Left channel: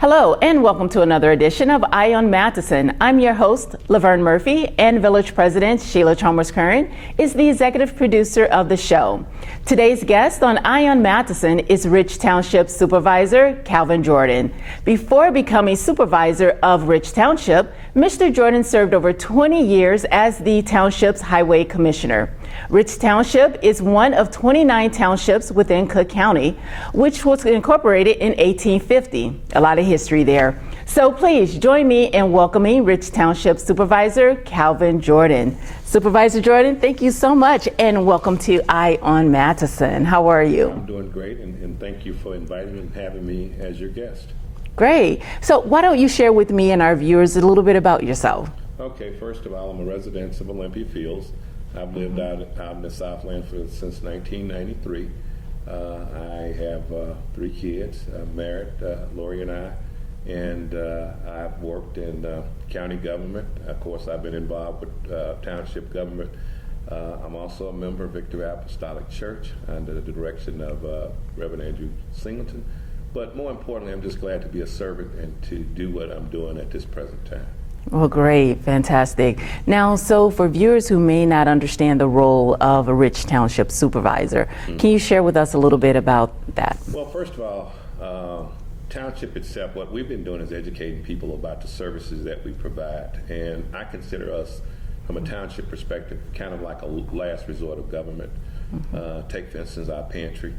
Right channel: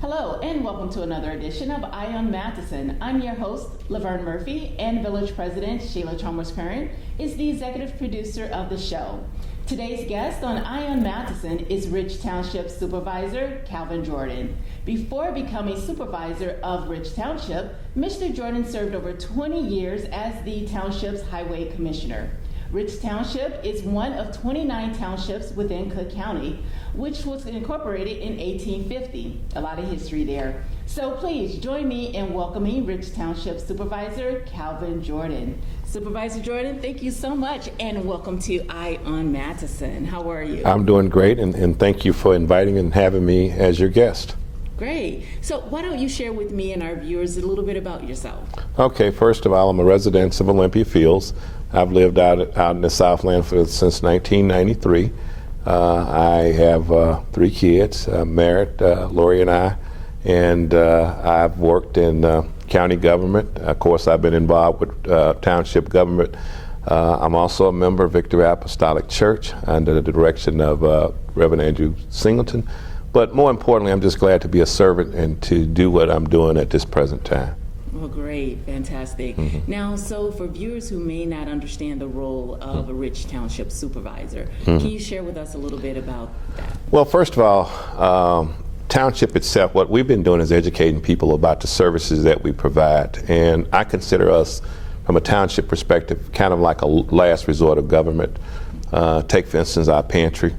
Hello and welcome to another edition of Eye on Matteson. I'm your host, Laverne Murphy, and Village President Sheila Chalmers-Curran is the executive producer of the show. Today's guest on Eye on Matteson is Rich Township Supervisor Calvin Jordan. Before becoming supervisor of Rich Township, Mr. Jordan served over 20 years as the township's highway commissioner. Rich Township is one of 29 townships within Cook County, which was incorporated in 1850. A lot of history there. So please join me in welcoming Rich Township Supervisor Calvin Jordan. Supervisor Jordan, thank you so much and welcome to Eye on Matteson. How are you? I'm doing great and thank you for inviting and having me as your guest. Great. So why don't you share with me and our viewers a little bit about yourself? Okay, first of all, I'm a resident of Olympia Fields. I've lived out in the Southland since 1993. I have 3 kids, married, Lori and I, and I've worked in county government. Of course, I've been involved with township government. I'm also a member of Victory Apostolic Church under the direction of Reverend Andrew Singleton. But more importantly, I'm just glad to be a servant and to do what I'm doing at this present time. Well, great, fantastic. Now, so for viewers who may not understand the role of a Rich Township Supervisor, can you share with us a little bit about that? Well, first of all, Township itself, what we've been doing is educating people about the services that we provide. And I consider us, from a township perspective, kind of like a last resort of government. Take, for instance, our pantry.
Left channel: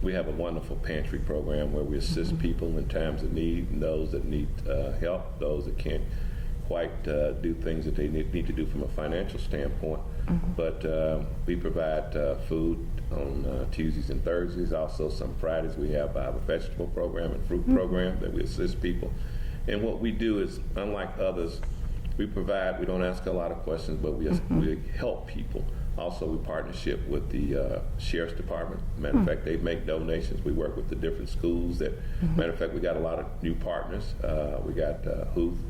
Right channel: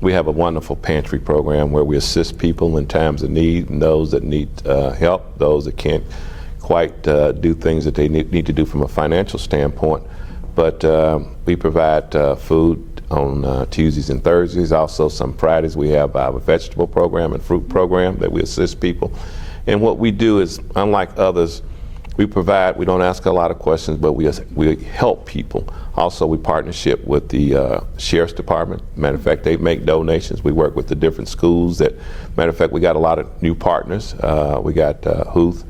We have a wonderful pantry program where we assist people in times of need, and those that need help, those that can't quite do things that they need to do from a financial standpoint. But we provide food on Tuesdays and Thursdays. Also some Fridays we have our vegetable program and fruit program that we assist people. And what we do is, unlike others, we don't ask a lot of questions, but we help people. Also, we partnership with the Sheriff's Department. Matter of fact, they make donations. We work with the different schools. Matter of fact, we got a lot of new partners. We got Huth,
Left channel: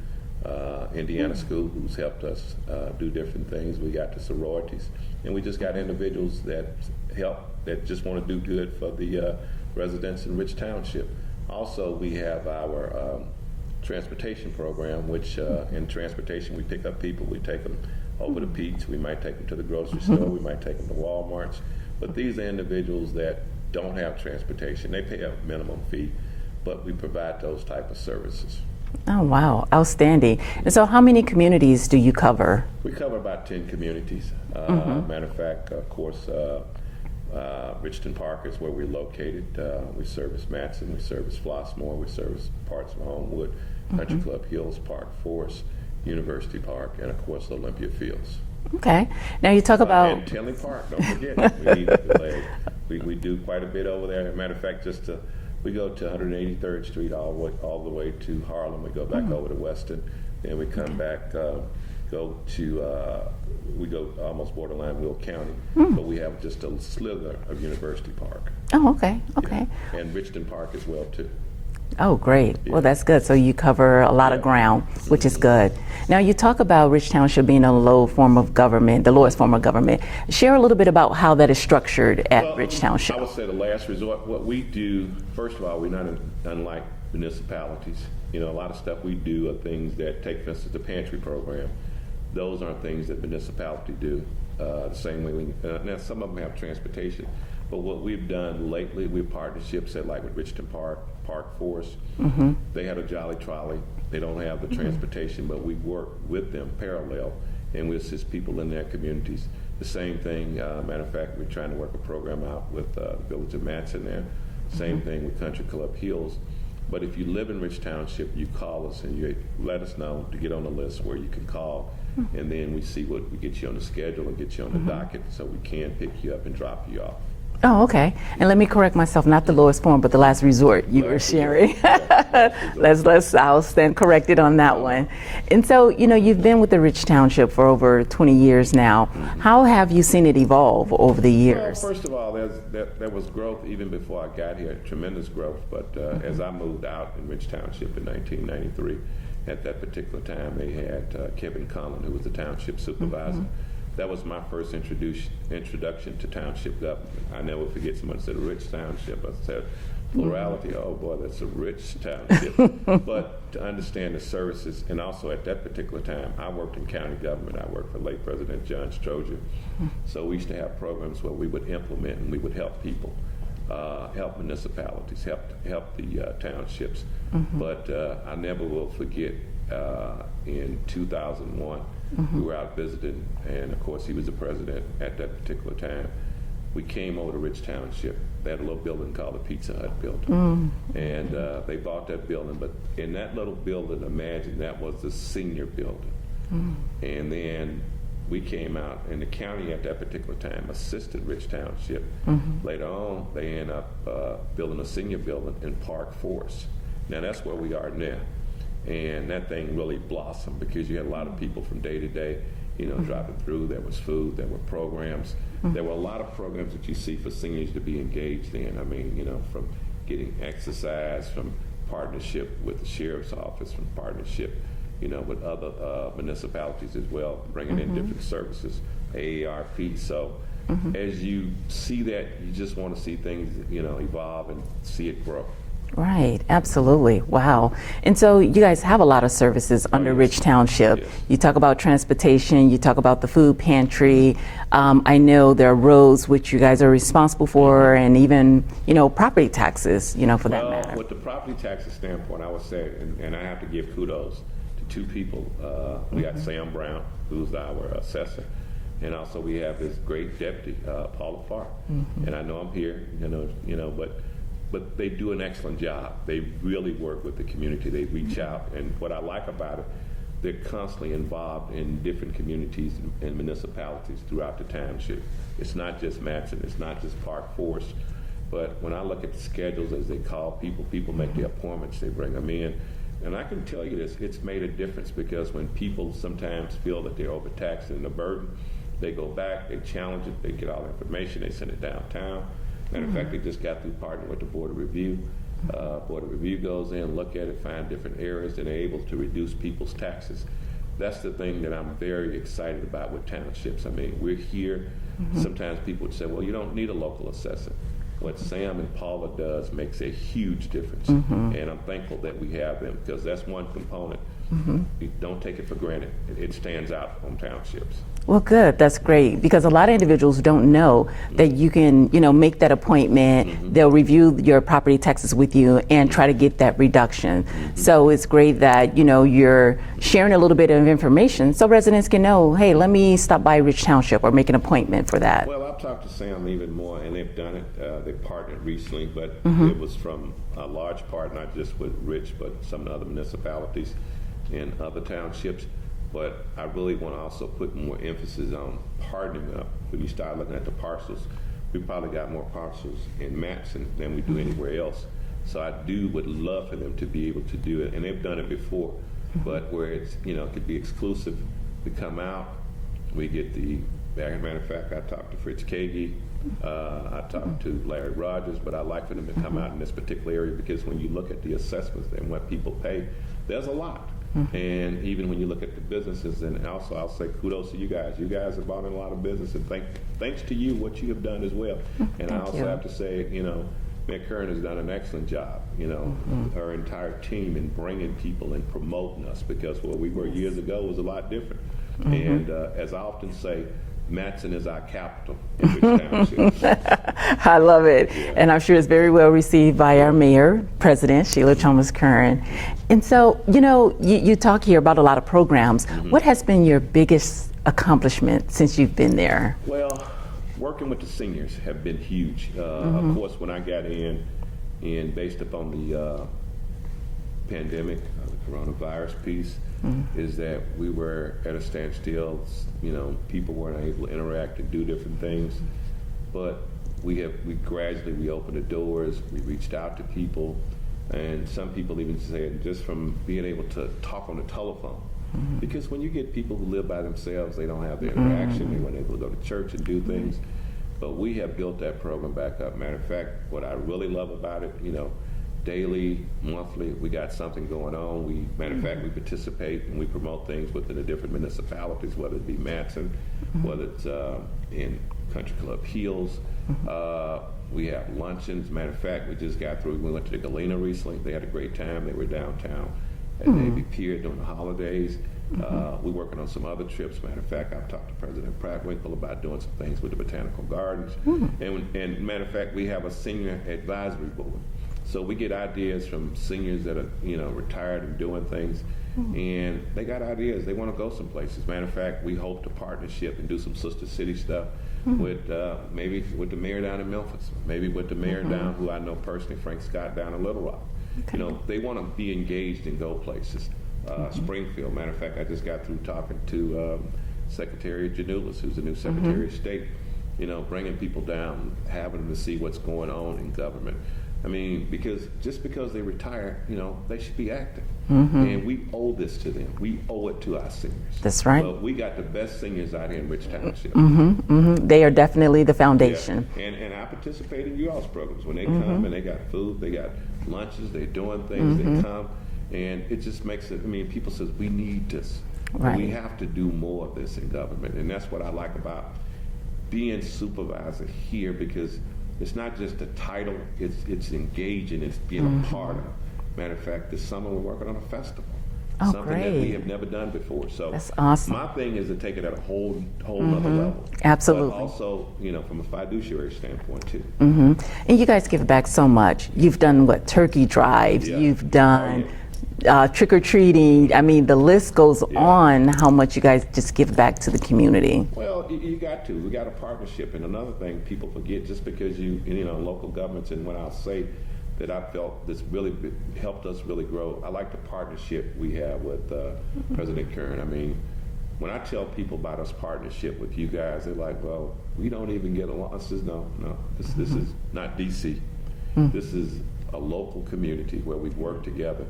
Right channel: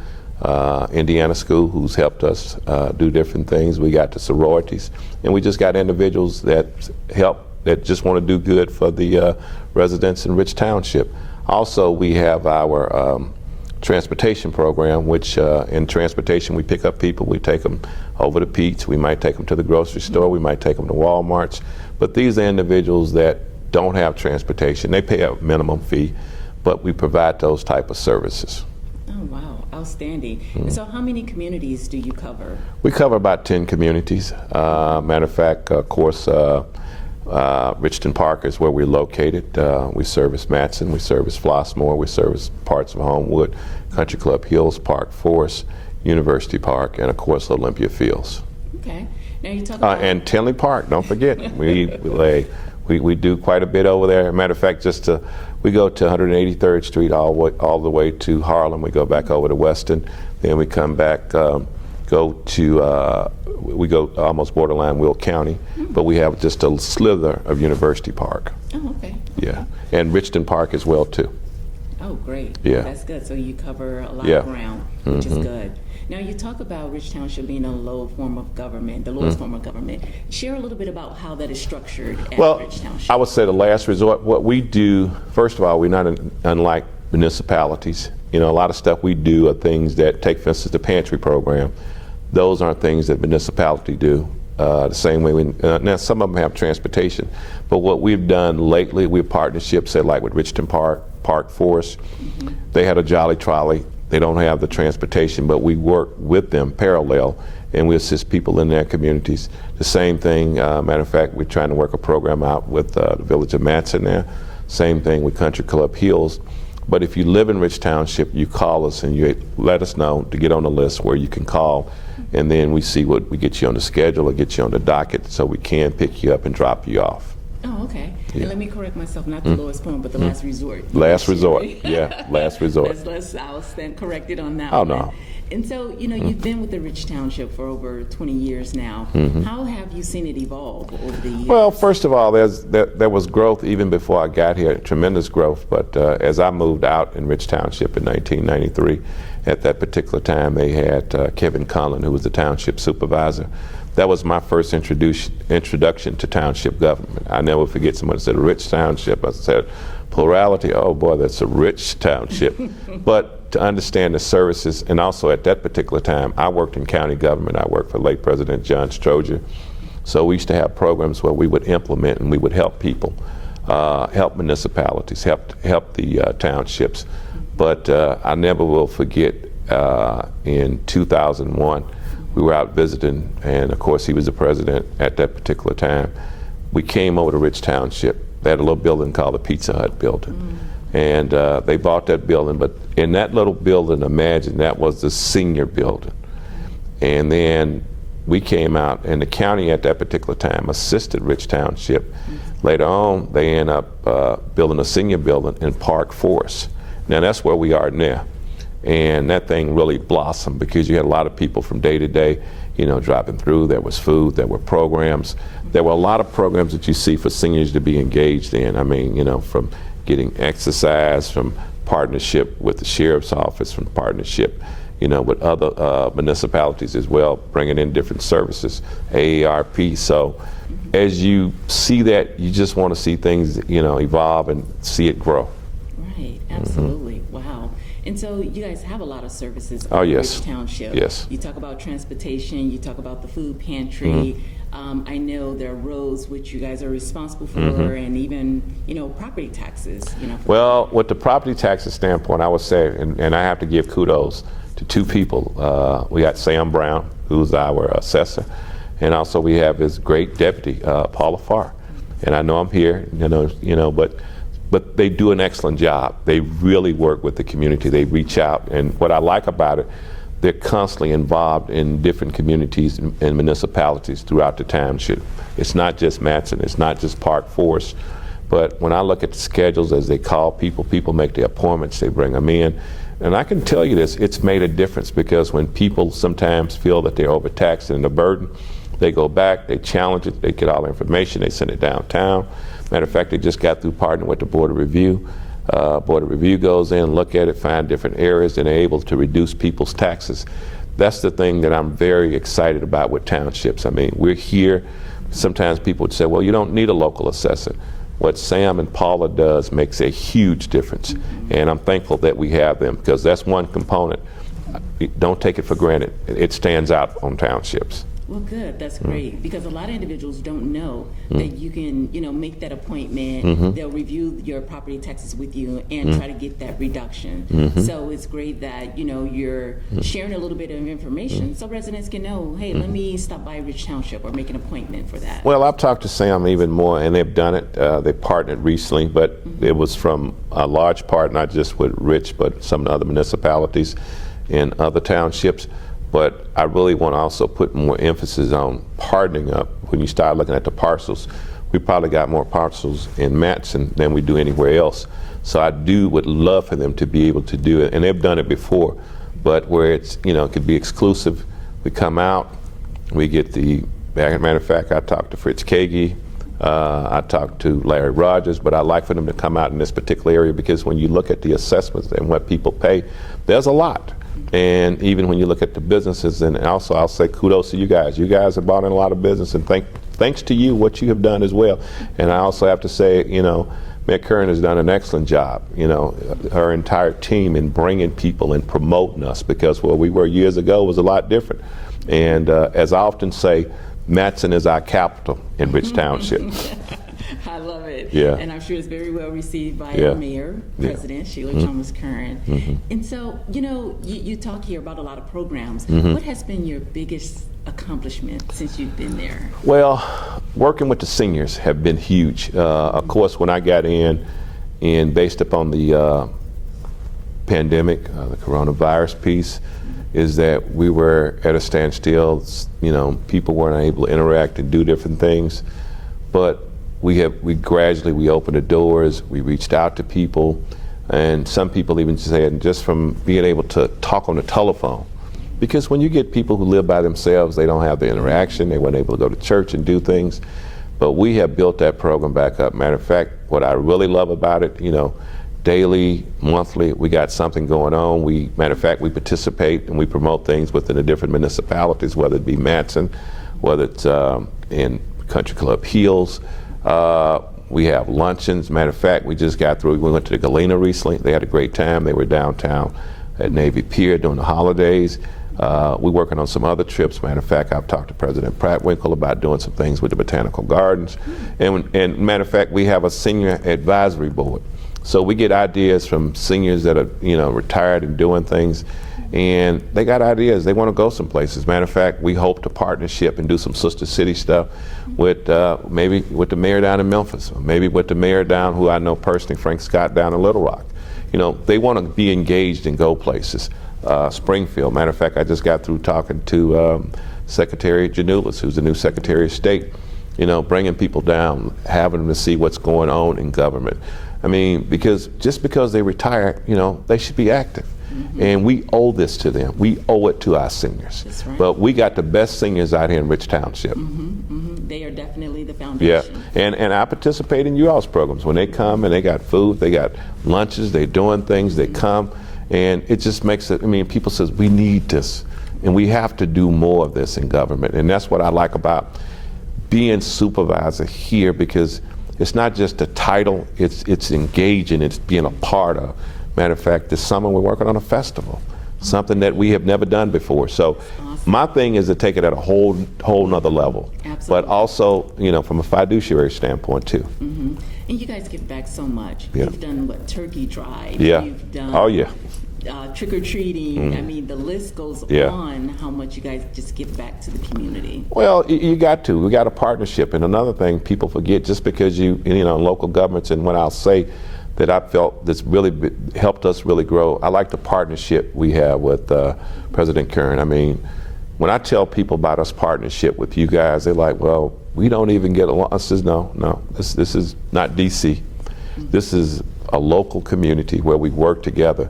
Indiana School, who's helped us do different things. We got the sororities, and we just got individuals that help, that just want to do good for the residents in Rich Township. Also, we have our transportation program, which in transportation we pick up people, we take them over to Pete's, we might take them to the grocery store, we might take them to Walmart's, but these are individuals that don't have transportation. They pay a minimum fee, but we provide those type of services. Oh, wow, outstanding. And so how many communities do you cover? We cover about 10 communities. Matter of fact, of course, Richton Park is where we're located. We service Matteson, we service Flossmoor, we service parts of Homewood, Country Club Hills, Park Forest, University Park, and of course Olympia Fields. Okay. Now you talk about... and Tinley Park, don't forget. we do quite a bit over there. Matter of fact, we go to 183rd Street all the way to Harlem. We go back over to Weston, then we come back, we go almost borderline Will County, but we have just a slither of University Park. Oh, okay. Yeah, and Richton Park as well too. Oh, great. Yeah. Well, that's good. So you cover a lot of ground, which is good. Now, you talk about Rich Township being a low form of government, the lowest form of government. Share a little bit about how that is structured at Rich Township. I would say the last resort. What we do, first of all, we're not unlike municipalities. You know, a lot of stuff we do are things that, take for instance the pantry program. Those aren't things that municipality do. The same way now some of them have transportation, but what we've done lately, we've partnerships, say like with Richton Park, Park Forest. They had a Jolly Trolley. They don't have the transportation, but we work with them parallel, and we assist people in their communities. The same thing, matter of fact, we're trying to work a program out with the village of Matteson there. Same thing with Country Club Hills. But if you live in Rich Township, you call us and you let us know to get on the list where you can call, and then we see what we get you on the schedule or get you on the docket so we can pick you up and drop you off. Oh, okay. Yeah. And let me correct myself, not the lowest form, but the last resort. Last resort, yeah, last resort. I'll stand corrected on that one. No. And so, you know, you've been with the Rich Township for over 20 years now. How have you seen it evolve over the years? Well, first of all, there was growth even before I got here, tremendous growth. But as I moved out in Rich Township in 1993, at that particular time they had Kevin Conlon, who was the township supervisor. That was my first introduction to township government. I never forget, someone said, Rich Township. I said, Plurality, oh boy, that's a rich township. But to understand the services, and also at that particular time, I worked in county government. I worked for late President John Stroger. So we used to have programs where we would implement and we would help people, help municipalities, help the townships. But I never will forget in 2001, we were out visiting, and of course he was the president at that particular time. We came over to Rich Township. They had a little building called the Pizza Hut building. And they bought that building, but in that little building, imagine that was the senior building. And then we came out, and the county at that particular time assisted Rich Township. Later on, they end up building a senior building in Park Forest. Now that's where we are now. And that thing really blossomed because you had a lot of people from day to day, you know, driving through. There was food, there were programs. There were a lot of programs that you see for seniors to be engaged in. I mean, you know, from getting exercise, from partnership with the sheriff's office, from partnership, you know, with other municipalities as well, bringing in different services, AARP. So as you see that, you just want to see things, you know, evolve and see it grow. Right, absolutely. Wow. And so you guys have a lot of services under Rich Township. Yes. You talk about transportation, you talk about the food pantry. I know there are roads which you guys are responsible for, and even, you know, property taxes, you know, for Well, with the property taxes standpoint, I would say, and I have to give kudos to two people. We got Sam Brown, who's our assessor, and also we have his great deputy, Paula Farr. And I know I'm here, but they do an excellent job. They really work with the community. They reach out, and what I like about it, they're constantly involved in different communities and municipalities throughout the township. It's not just Matteson, it's not just Park Forest, but when I look at the schedules as they call people, people make the appointments, they bring them in. And I can tell you this, it's made a difference because when people sometimes feel that they're overtaxed and a burden, they go back, they challenge it, they get all the information, they send it downtown. Matter of fact, they just got through partnering with the Board of Review. Board of Review goes in, look at it, find different areas, and they're able to reduce people's taxes. That's the thing that I'm very excited about with townships. I mean, we're here. Sometimes people would say, well, you don't need a local assessor. What Sam and Paula does makes a huge difference. And I'm thankful that we have them because that's one component. Don't take it for granted. It stands out on townships. Well, good. That's great because a lot of individuals don't know that you can, you know, make that appointment. They'll review your property taxes with you and try to get that reduction. So it's great that, you know, you're sharing a little bit of information so residents can know, hey, let me stop by Rich Township or make an appointment for that. Well, I've talked to Sam even more, and they've done it. They partnered recently, but it was from a large part, not just with Rich, but some of the other municipalities in other townships. But I really want to also put more emphasis on partnering up. When you start looking at the parcels, we probably got more parcels in Matteson than we do anywhere else. So I would love for them to be able to do it, and they've done it before, but where it's, you know, it could be exclusive. We come out, we get the, matter of fact, I talked to Fritz Kagi, I talked to Larry Rogers, but I like for them to come out in this particular area because when you look at the assessments and what people pay, there's a lot. And even when you look at the businesses, and also I'll say kudos to you guys. You guys have brought in a lot of business, and thanks to you, what you have done as well. And I also have to say, you know, Mayor Curran has done an excellent job, you know, her entire team in bringing people and promoting us because where we were years ago was a lot different. And as I often say, Matteson is our capital in Rich Township. I love it. Yeah. And I'm sure it's very well received by our mayor, President Sheila Chalmers Curran. And so, you know, you talk here about a lot of programs. What has been your biggest accomplishment since you've been there? Well, working with the seniors have been huge. Of course, when I got in based upon the pandemic, the coronavirus piece, is that we were at a standstill. You know, people weren't able to interact and do different things. But we gradually opened the doors. We reached out to people, and some people even said just from being able to talk on the telephone. Because when you get people who live by themselves, they don't have the interaction. They weren't able to go to church and do things. But we have built that program back up. Matter of fact, what I really love about it, you know, daily, monthly, we got something going on. Matter of fact, we participate and we promote things within the different municipalities, whether it be Matteson, whether it's in Country Club Hills. We have luncheons. Matter of fact, we just got through. We went to the Galena recently. They had a great time. They were downtown at Navy Pier during the holidays. We're working on some other trips. Matter of fact, I've talked to President Pratt-Winkle about doing some things with the Botanical Gardens. And matter of fact, we have a senior advisory board. So we get ideas from seniors that are, retired and doing things, and they got ideas. They want to go some places. Matter of fact, we hope to partnership and do some sister city stuff with maybe with the mayor down in Memphis, or maybe with the mayor down, who I know personally, Frank Scott, down in Little Rock. They want to be engaged and go places. Springfield. Matter of fact, I just got through talking to Secretary Janulis, who's the new Secretary of State. Bringing people down, having them to see what's going on in government. I mean, because just because they retire, they should be active. And we owe this to them. We owe it to our seniors. That's right. But we got the best seniors out here in Rich Township. They are definitely the foundation. Yeah. And I participate in you all's programs. When they come and they got food, they got lunches, they're doing things, they come, and it just makes it, people says, we need this. And we have to do more of this in government. And that's what I like about being supervisor here, because it's not just a title, it's engaging, it's being a part of. Matter of fact, this summer we're working on a festival, something that we have never done before. So that's awesome. My thing is to take it at a whole nother level. Absolutely. But also, from a fiduciary standpoint too. And you guys give back so much. You've done turkey drives, you've done trick-or-treating. I mean, the list goes on how much you guys just give back to the community. Well, you got to. We got a partnership. And another thing people forget, just because local governments, and what I'll say that I felt that's really helped us really grow, I like the partnership we have with President Kern. I mean, when I tell people about us partnership with you guys, they're like, well, we don't even get along. I says, no, this is not DC. This is a local community where we work together.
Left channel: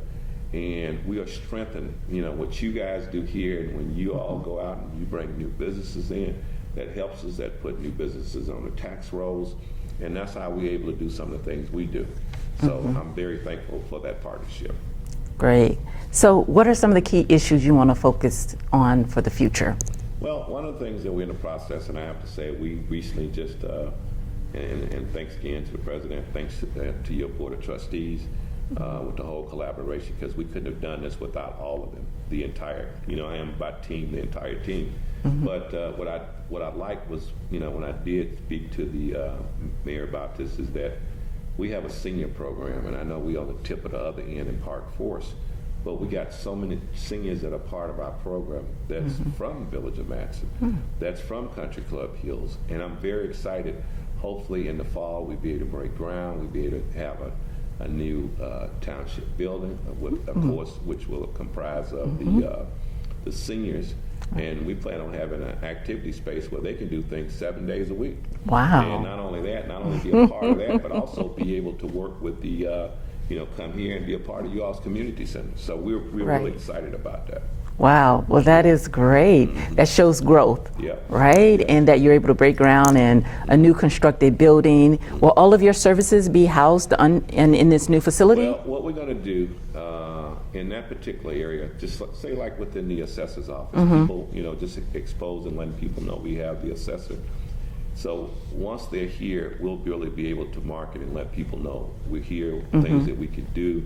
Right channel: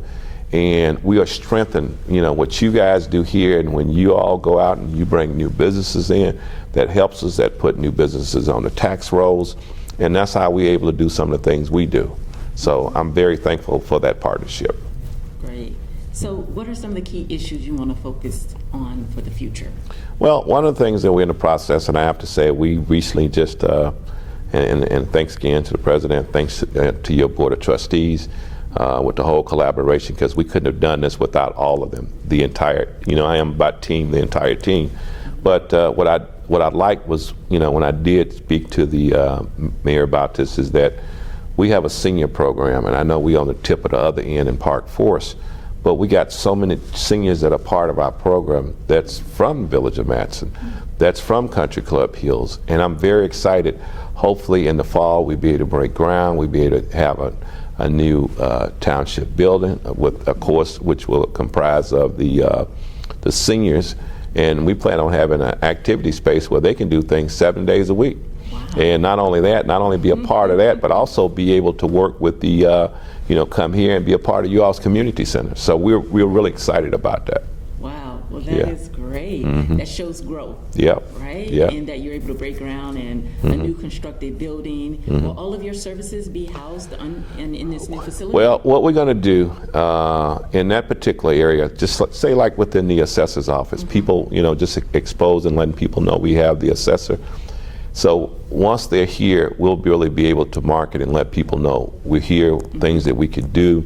And we are strengthened, what you guys do here, and when you all go out and you bring new businesses in, that helps us, that put new businesses on the tax rolls, and that's how we're able to do some of the things we do. So I'm very thankful for that partnership. Great. So what are some of the key issues you want to focus on for the future? Well, one of the things that we're in the process, and I have to say, we recently just, and thanks again to the President, thanks to your Board of Trustees, with the whole collaboration, because we couldn't have done this without all of them. The entire, I am about team, the entire team. But what I liked was, when I did speak to the mayor about this, is that we have a senior program, and I know we on the tip of the other end in Park Forest, but we got so many seniors that are part of our program that's from the Village of Matteson, that's from Country Club Hills, and I'm very excited. Hopefully in the fall we'll be able to break ground, we'll be able to have a new township building with a course which will comprise of the seniors, and we plan on having an activity space where they can do things 7 days a week. Wow. And not only that, not only be a part of that, but also be able to work with the, come here and be a part of you all's community center. So we're really excited about that. Wow, well that is great. That shows growth, right? And that you're able to break ground in a new constructed building. Will all of your services be housed in this new facility? Well, what we're going to do in that particular area, just say like within the assessor's office, people, just expose and letting people know we have the assessor. So once they're here, we'll really be able to market and let people know we're here, things that we could do.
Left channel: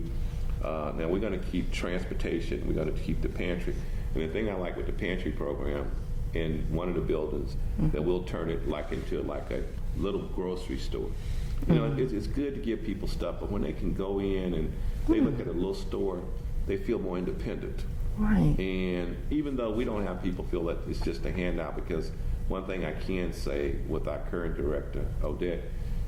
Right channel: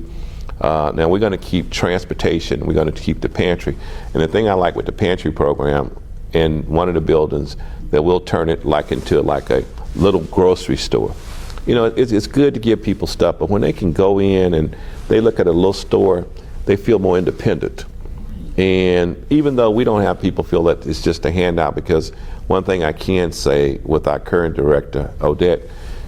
Now we're going to keep transportation, we're going to keep the pantry. And the thing I like with the pantry program, in one of the buildings, that we'll turn it into a little grocery store. It's good to give people stuff, but when they can go in and they look at a little store, they feel more independent. Right. And even though we don't have people feel that it's just a handout, because one thing I can say with our current director, Odette,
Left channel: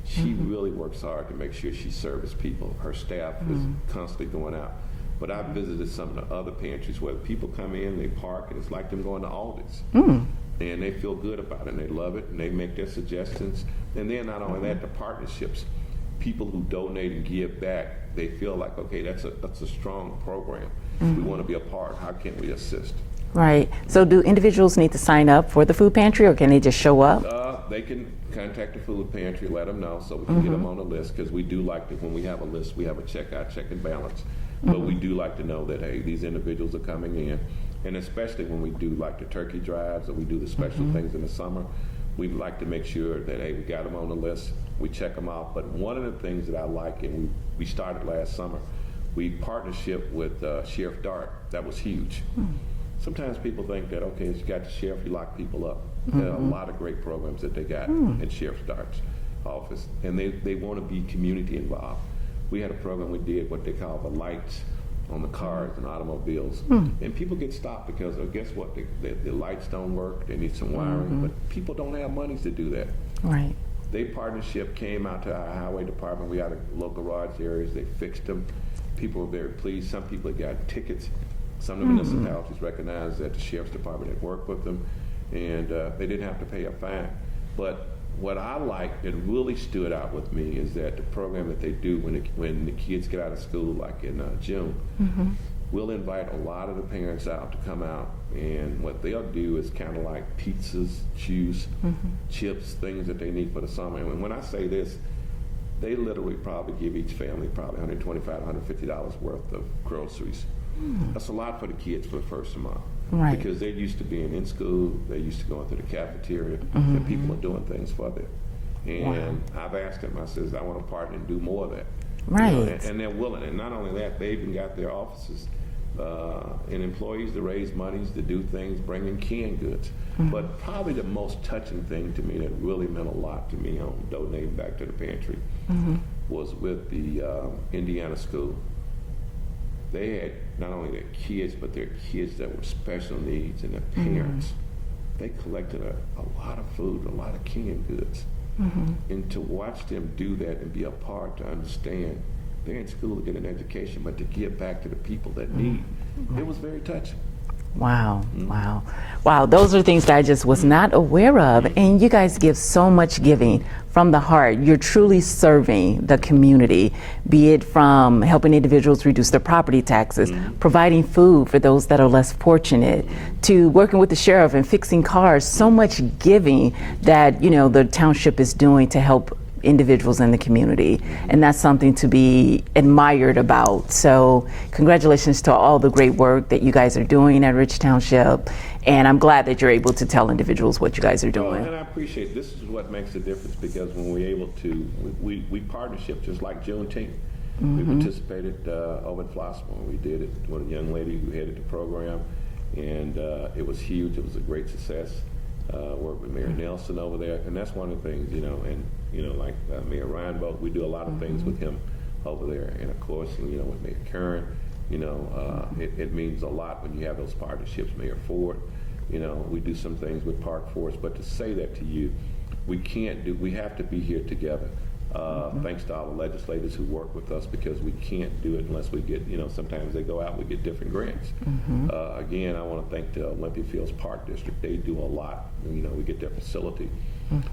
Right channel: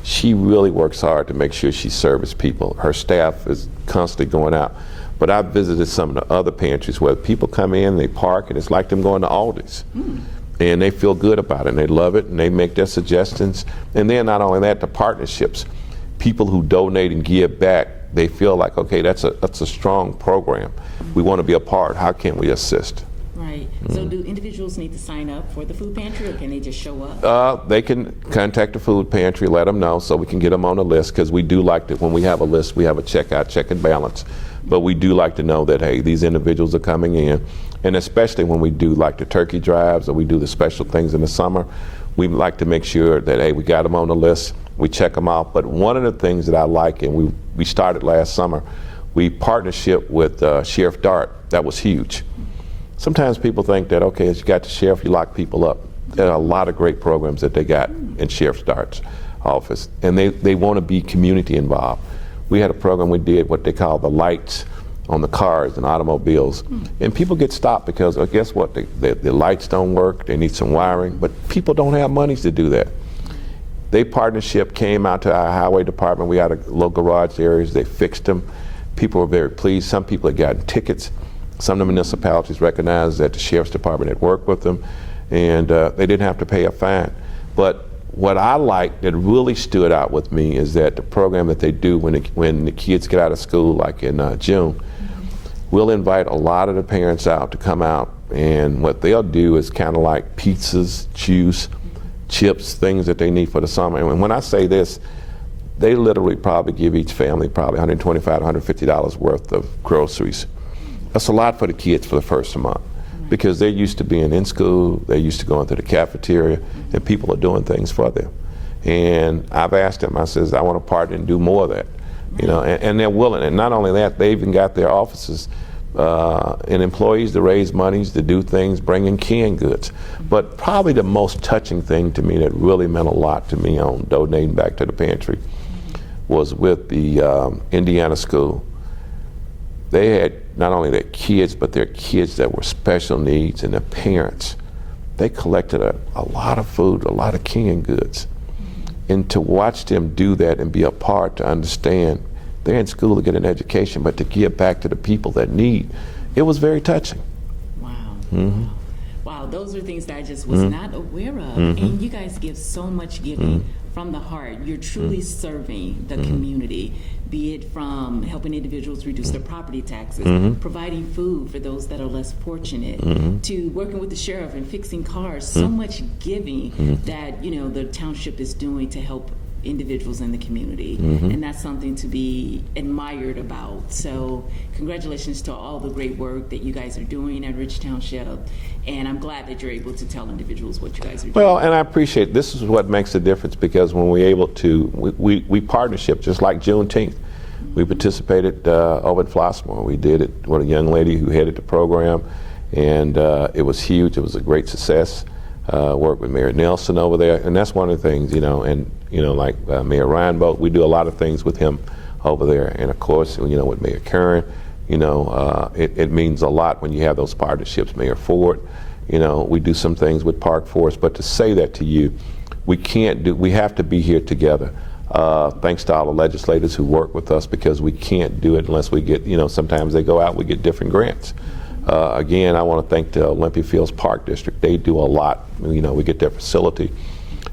she really works hard to make sure she serves people. Her staff is constantly going out. But I've visited some of the other pantries where people come in, they park, and it's like them going to Aldi's. And they feel good about it, and they love it, and they make their suggestions. And then not only that, the partnerships. People who donate and give back, they feel like, okay, that's a strong program. We want to be a part. How can we assist? Right. So do individuals need to sign up for the food pantry, or can they just show up? They can contact the food pantry, let them know, so we can get them on the list, because we do like to, when we have a list, we have a checkout, check and balance. But we do like to know that, hey, these individuals are coming in, and especially when we do like the turkey drives, or we do the special things in the summer, we like to make sure that, hey, we got them on the list, We check them out. But one of the things that I like, and we started last summer, we partnership with Sheriff Dart. That was huge. Sometimes people think that, okay, as you got the sheriff, you lock people up. There are a lot of great programs that they got in Sheriff Dart's office, and they want to be community involved. We had a program we did, what they call the lights on the cars and automobiles, and people get stopped because, guess what, the lights don't work, they need some wiring, but people don't have monies to do that. Right. They partnership came out to our highway department. We had a little garage areas, they fixed them. People were very pleased. Some people had gotten tickets. Some of the municipalities recognized that the Sheriff's Department had worked with them, and they didn't have to pay a fine. But what I like that really stood out with me is that the program that they do when the kids get out of school, like in June, we'll invite a lot of the parents out to come out, and what they'll do is kind of like pizzas, juice, chips, things that they need for the summer. And when I say this, they literally probably give each family probably $125, $150 worth of groceries. That's a lot for the kids for the first month. Right. Because they're used to being in school, they're used to going to the cafeteria, and people are doing things for them. And I've asked them, I says, I want to partner and do more of that. Right. You know, and they're willing. And not only that, they even got their offices and employees to raise monies, to do things, bring in canned goods. But probably the most touching thing to me that really meant a lot to me on donating back to the pantry was with the Indiana school. They had not only their kids, but their kids that were special needs and their parents. They collected a lot of food, a lot of canned goods. And to watch them do that and be a part to understand they're in school to get an education, but to give back to the people that need, it was very touching. Wow, wow. Wow, those are things that I just was not aware of. And you guys give so much giving from the heart. You're truly serving the community, be it from helping individuals reduce their property taxes, providing food for those that are less fortunate, to working with the sheriff and fixing cars. So much giving that, you know, the township is doing to help individuals in the community, and that's something to be admired about. So congratulations to all the great work that you guys are doing at Rich Township, and I'm glad that you're able to tell individuals what you guys are doing. Well, and I appreciate, this is what makes the difference, because when we're able to, we partnership, just like Juneteenth. We participated over at Flossmoor. We did it with a young lady who headed the program, and it was huge. It was a great success. Worked with Mayor Nelson over there, and that's one of the things, you know, and you know, like Mayor Ryan Bolt, we do a lot of things with him over there, and of course, you know, with Mayor Curran, you know, it means a lot when you have those partnerships. Mayor Ford, you know, we do some things with Park Forest, but to say that to you, we have to be here together. Thanks to all the legislators who work with us, because we can't do it unless we get, you know, sometimes they go out, we get different grants. Again, I want to thank the Olympia Fields Park District. They do a lot. You know, we get their facility.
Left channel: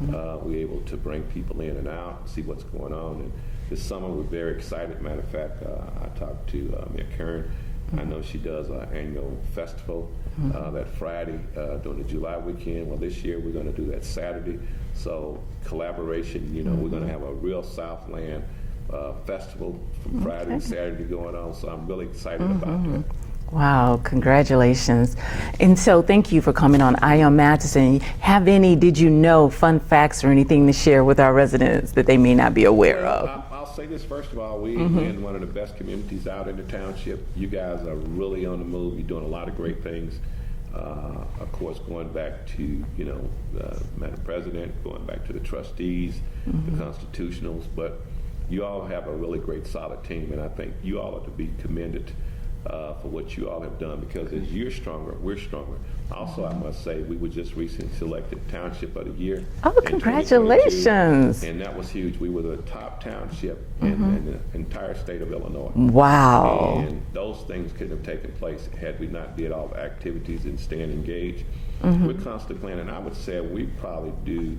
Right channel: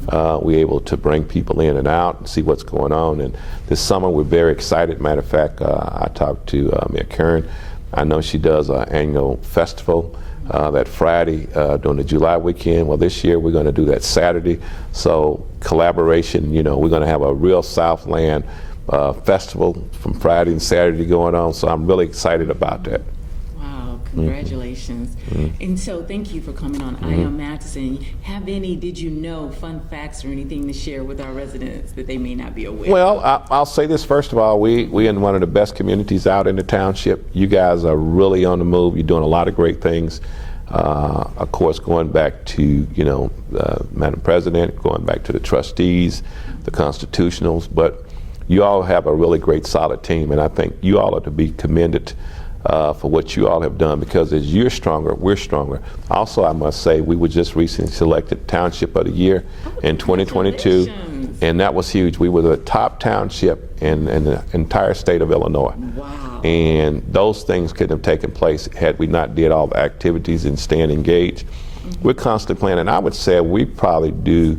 We're able to bring people in and out and see what's going on. And this summer, we're very excited. Matter of fact, I talked to Mayor Curran. I know she does an annual festival that Friday during the July weekend. Well, this year we're going to do that Saturday. So collaboration, you know, we're going to have a real Southland festival from Friday and Saturday going on. So I'm really excited about that. Wow, congratulations. And so thank you for coming on Eye on Matteson. Have any, did you know, fun facts or anything to share with our residents that they may not be aware of? Well, I'll say this first of all, we're in one of the best communities out in the township. You guys are really on the move. You're doing a lot of great things. Of course, going back to, you know, Madam President, going back to the trustees, the constitutionals, but you all have a really great solid team, and I think you all are to be commended for what you all have done, because as you're stronger, we're stronger. Also, I must say, we were just recently selected Township of the Year in 2022, and that was huge. We were the top township in the entire state of Illinois. Wow. And those things couldn't have taken place had we not did all the activities and staying engaged. We're constantly planning. I would say we probably do,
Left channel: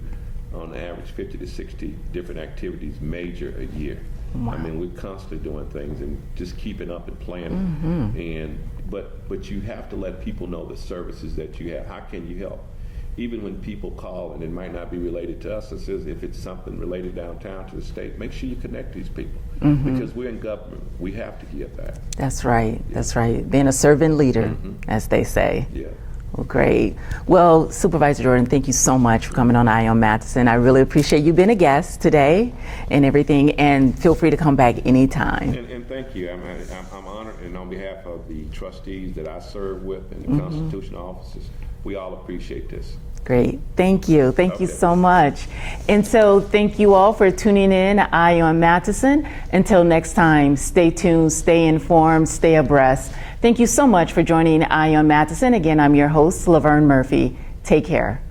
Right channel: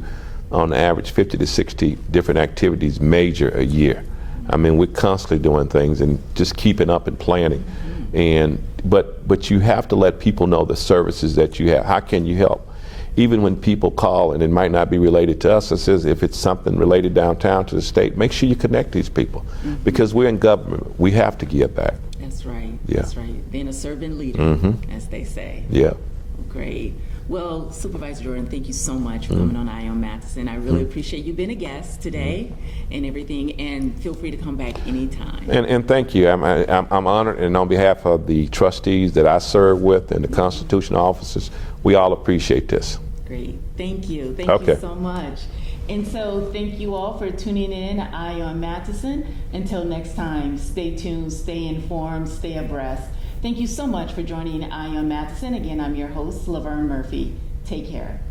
on average, 50 to 60 different activities major a year. I mean, we're constantly doing things and just keeping up and planning. And but you have to let people know the services that you have. How can you help? Even when people call and it might not be related to us, it says if it's something related downtown to the state, make sure you connect these people, because we're in government. We have to give back. That's right. That's right. Being a servant leader, as they say. Yeah. Well, great. Well, Supervisor Jordan, thank you so much for coming on Eye on Matteson. I really appreciate you being a guest today and everything, and feel free to come back anytime. And thank you. I'm honored, and on behalf of the trustees that I serve with and the constitutional officers, we all appreciate this. Great. Thank you. Thank you Okay. so much. And so thank you all for tuning in to Eye on Matteson. Until next time, stay tuned, stay informed, stay abreast. Thank you so much for joining Eye on Matteson. Again, I'm your host, Laverne Murphy. Take care.